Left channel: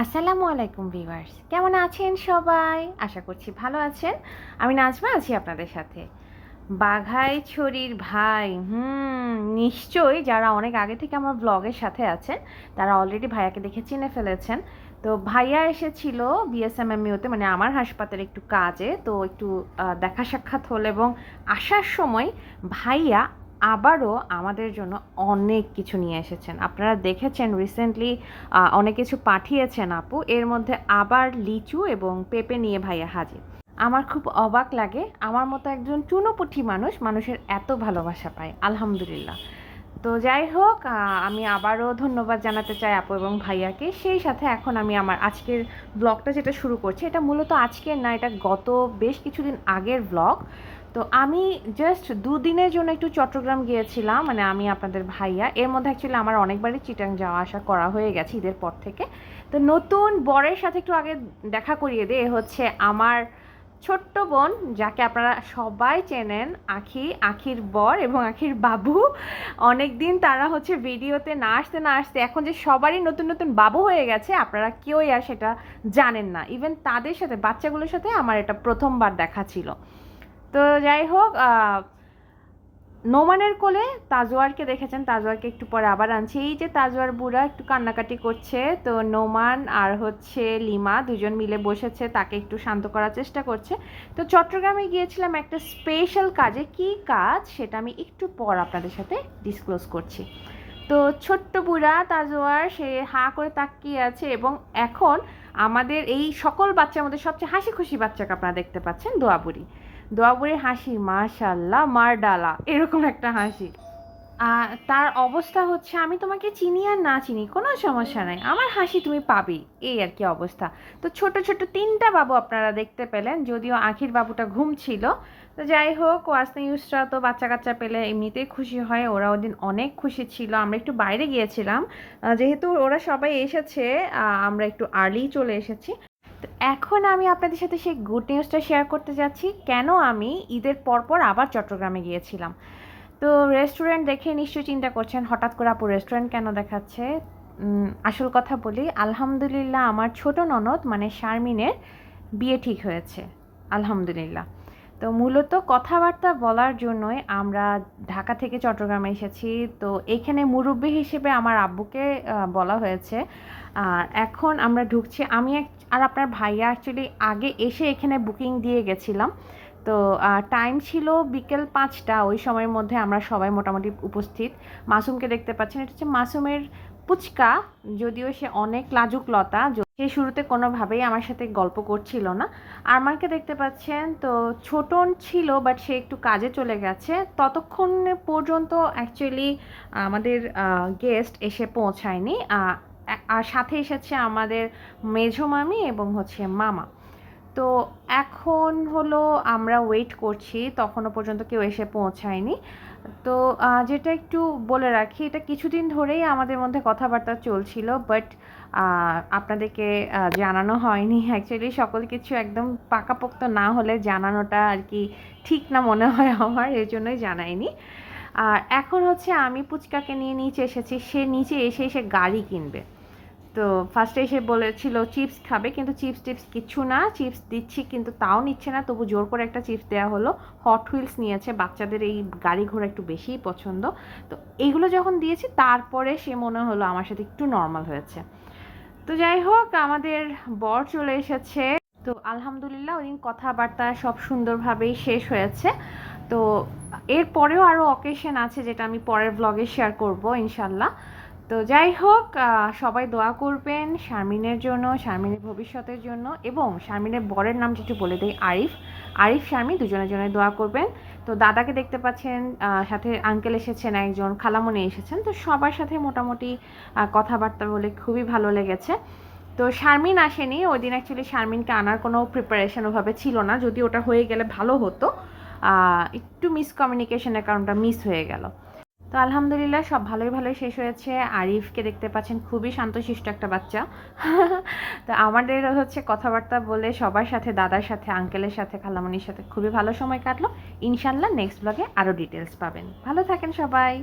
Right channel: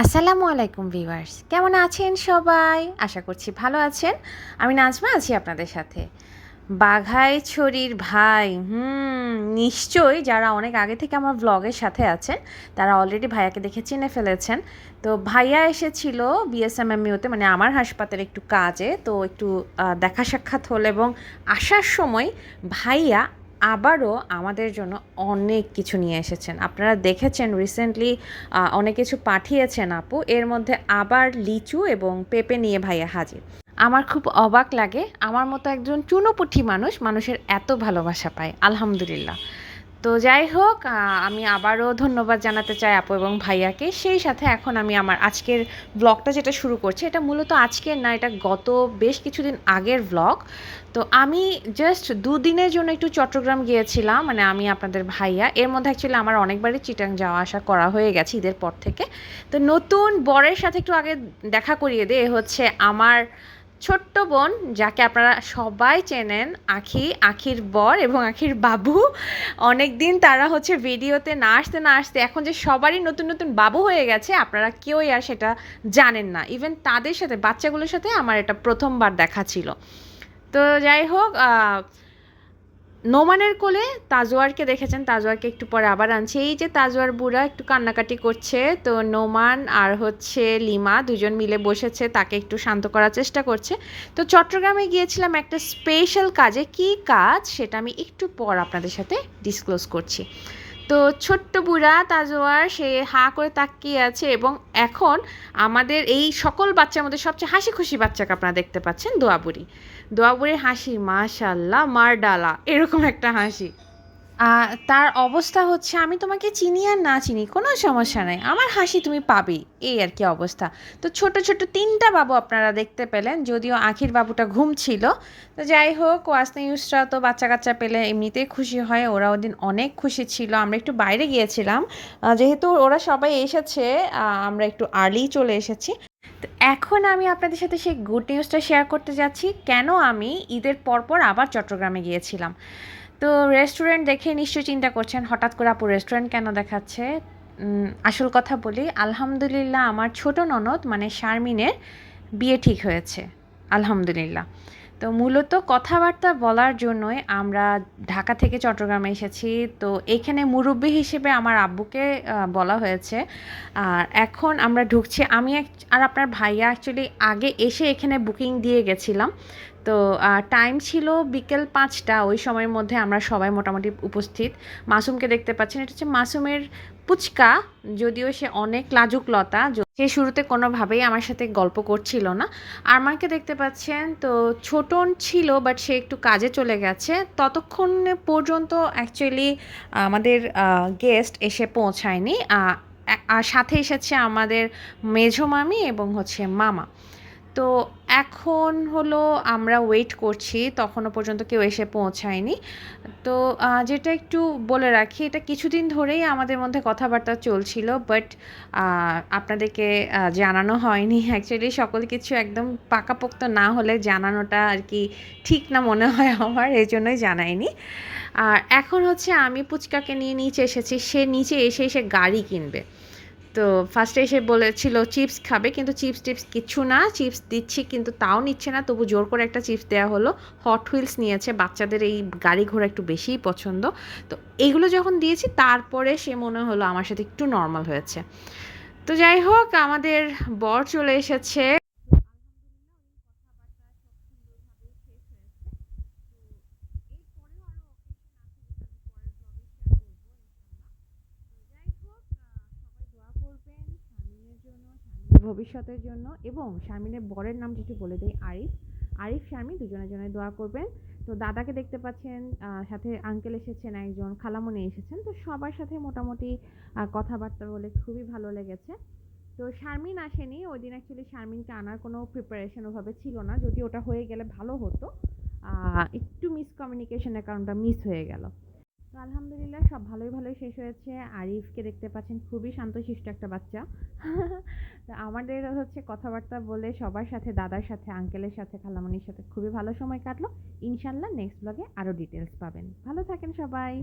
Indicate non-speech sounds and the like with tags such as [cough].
আসসালামু আলাইকুম ভিউয়ার্স। কেমন আছেন সবাই? আশা করছি ভালো আছেন। আমি নাজমা আছি আপনাদের সাথে। বাঘাই ছড়ির ভাই, হুম, নিশ্চয়ই যারা অনেক আগে থেকে আমার ব্লগের সাথে আছেন, তারা অলরেডি ভাইয়াকে দেখে চিনে ফেলেছেন। তো ভাইয়া এসেছিল বিএসএমএমইউতে মানে আমার হাসপাতালে একটু কাজে, তো একটু দেখা সাক্ষাৎ হলো এবং আসার সময় ভাইয়া আবারও আমাদের জন্য অনেক কিছু নিয়ে এসেছেন। আপনারা দেখেছেন রিসেন্টলি অনেক কিছু পাঠিয়েছেন আপু। এর মধ্যে আবার লিচু এবং পেঁপে নিয়ে ভাইয়া হাজির। আমার খুব অবাক লাগে। আমার মতো একজন চুনোপুঠি মানুষ মানুষের এত ভালোবাসা পায়। আলহামদুলিল্লাহ। তো যাই হোক আমি আবারও ধন্যবাদ জানাতে চাই আপু এবং ভাইয়াকে। সেই সাথে এখন আমি আমার আজকের ব্লগটা যেটা শুরু করছি, এটা মূলত আজকের না, এটা গত বেশ কিছুদিন আগের ব্লগ তো আমি জাস্ট দুদিনের জন্য একটু চট্টগ্রাম গিয়েছিলাম মানে আমি, আপনাদের ভাইয়া। এর মধ্যে অ্যাকচুয়ালি আমার অনেকবারই চিটাং যাওয়া আসা করা হয়ে গেছে ঈদের পর থেকে। তো নতুন বরের সাথে একটু আগে দেখা করিয়ে দে হচ্ছে আমার ছোট্ট বোন যাকে আপনারা সবাই চেনেন, আখি, আখির বর এবং আখির বাবু। অনেক দিন তারা হচ্ছে ভিডিওতে না আসতে না আসতে এখন যে সবারই নতুন নতুন বাবু হয়ে গেছে, আপনারা কেউই আর সেটা জানেন না। ইভেন তাদের সাথে, বাচ্চাগুলোর সাথে আমার এটা প্রথমবার দেখা ছিল। তো যাই হোক নোমানের কোলে তাজোয়ারকে দেখেছেন তাজোয়ারকে একটু পরে আবার আনছে। এই যে তাজোয়ার বুড়া একটু কান্নাকাটি করছে, তো নোমান আর হচ্ছে লিমা দুজন মিলে বসেছে, তাকে একটু শান্ত করার চেষ্টা করছে। তো চট্টগ্রামে গিয়েছিলাম একটা স্পেশাল কাজে। কি কাজ? সেটা আমি একটু পর আপনাদের সাথে ডিসক্লোজ করছি। তো ছোট্ট বুড়া তাজোয়ার সে হা করে তাকিয়ে আছে এবং এখন আমাদের এই সকল বাচ্চার মধ্যে সবচেয়ে হাসি খুশি বাচ্চাকে আপনারা দেখতে পাচ্ছেন, দোয়াবুড়ি। দোয়াবুড়ির হাসি মাশাল্লাহ মার ডালা, এরকম একটা হাসি। তার অবস্থা হচ্ছে, আমি তোমাকে চিনি আর না চিনি, কোনো সমস্যা নাই। আমার হাসি তুমি পাবেই এই আর কি অবস্থা। তো ছোট ছোট তিনটা বাবু আপনারা দেখতে পেলেন, যদিও আখির বাবুটা ঘুম ছিল। তো যাই হোক ওয়াসনা ইউসরা তো বাচ্চা কাচ্চা পেলে এমনিতেই খুশি হয় ওরা ওদিন অনেক খুশি ছিল। আমরা একটু বাইরে গিয়েছিলাম যেহেতু ওরা সবাই এসেছে আমরা একটু আর্লি চলে এসেছি। তো এখন আমি আপনাদের সাথে সেই গুড নিউজটা শেয়ার করতে যাচ্ছি। কেন আমি ঈদের পরপর আবার চট্টগ্রামে গিয়েছিলাম? তো রেস্টুরেন্ট দেখে নিশ্চয়ই চিন্তা করছেন, হঠাৎ করে আপু রেস্টুরেন্ট কেন দেখাচ্ছে? আসল কথা বলি, আলহামদুলিল্লাহ আমার ছোট ননদ মানে শারমিনের, বিয়ে ঠিক হয়েছে। আলহামদুলিল্লাহ। তো মূলত কথাবার্তা বলার জন্যই আমরা ঢাকা থেকে চট্টগ্রামে এসেছি। তো এখানে মুরব্বী হিসেবে আমার আব্বুকে বলা হয়েছে। আর এখন আমরা ঢুকছি। আমি আর আপনার ভাইয়া অ্যাকচুয়ালি আগে এসে এখানে বুকিং দিয়ে গেছিলাম। তো টাইম ছিল বিকেল পাঁচটা। ওই সময়ের মধ্যে আমরা সবাই মোটামুটি উপস্থিত। মাসুমকে দেখতে পাচ্ছেন। এটা হচ্ছে মাসুমের পুচকা। যদিও সে অনেক লাজুক লতা। সে শুরুতে কোনোভাবেই আমার সাথে গল্প করছিল না। আর আমাকে দেখতে পাচ্ছেন, তো ছোটন ছিল বাট সে একটু কাজে চলে গেছে। ততক্ষণ পর্যন্ত অ্যাকচুয়ালি আমাদের গেস্ট এসে পৌঁছায়নি। আর সাথে এসেছে আমাদের মেঝো মামি এবং হচ্ছে মামা। তো এখন হলো আমরা ওয়েট করছি, তখনও পর্যন্ত কেউ এসে পৌঁছায়নি। তো যেটা একটু বলে রাখি, এটা কিছুদিন ধরেই আমাদের মধ্যে কথাবার্তা চলছিল বাট আপনাদেরকে জানানো হয়নি। অ্যাকচুয়ালি সকল কিছু একদম পাকাপোক্ত না হলে জানানোটা আর কি ঠিক না মনে হয় আমার এই জন্যই জানাইনি। আর এখন হচ্ছে আমি পুচকাকে নিয়ে নিচে এসেছি, সে নিচে এসে এসে গাড়ি কিনবে। তো ফার্স্টে এসে বলেছিল চিপস খাবে, কিন্তু চিপস টিপস কিচ্ছু না চিপস দিচ্ছি, কিন্তু তাও নিচ্ছে না। তবু জোর করে একটা চিপস দেওয়া হলো। হট হুইলস নিয়েছে, বাচ্চাদের এই গাড়ি ঘোড়া একটু বেশিই পছন্দ। তো এইগুলো যখন দিয়েছি, তারপরে সে মনে হলো আমার সাথে একটু নর্মাল হয়েছে। তো যাই হোক, আমাদের বর চলে এসেছে। তো আলহামদুলিল্লাহ ওই দিন কথাবার্তা সব সুন্দরভাবেই শেষ হয়েছে। তো এরপরেও আরও অকেশন আছে, যেটা আমি পরের ব্লগে শেয়ার করব, ইনশাল্লাহ। তো যাই হোক সবাই দোয়া করবেন শারমিনের জন্য, শারমিনের ভবিষ্যতের জন্য এবং শারমিনের বরের নাম একটু বলে দেই, আরিফ। আরিফ শারমিন দুজনের জন্য দোয়া করবেন। তো দাদাকে দেখতে পাচ্ছেন সাথে আঙ্কেল এসেছেন একজন খালামণি এসেছেন। তো সবার সাথে মোটামুটি কথাবার্তা বলে খুবই ভালো লেগেছে। তো শারমিন আসেনি, ওই দিন অ্যাকচুয়ালি শারমিনকে আনার কোনো প্রিপারেশন ওভাবে ছিল না, যদি ওটা হয়ে গেলে ভালো হতো। একটু মিসকমিউনিকেশনের কারণটা মিস হয়ে গেল। তো আলহামদুলিল্লাহ সব ভালোই ভালোই শেষ হয়েছে। আরিফকে দেখতে পাচ্ছেন, খুবই শান্তশিষ্ট একটা বাচ্চা। [laughs] তো আমাদের হচ্ছে কথাবার্তা বলে সবার সাথে, দাদার সাথে আঙ্কেলের সাথে, খালামণির সাথে খুবই ভালো সময় কাটলো। ইনশাল্লাহ নেক্সট ব্লগে আরও ডিটেলস পাবেন। ভালো থাকেন সবাই।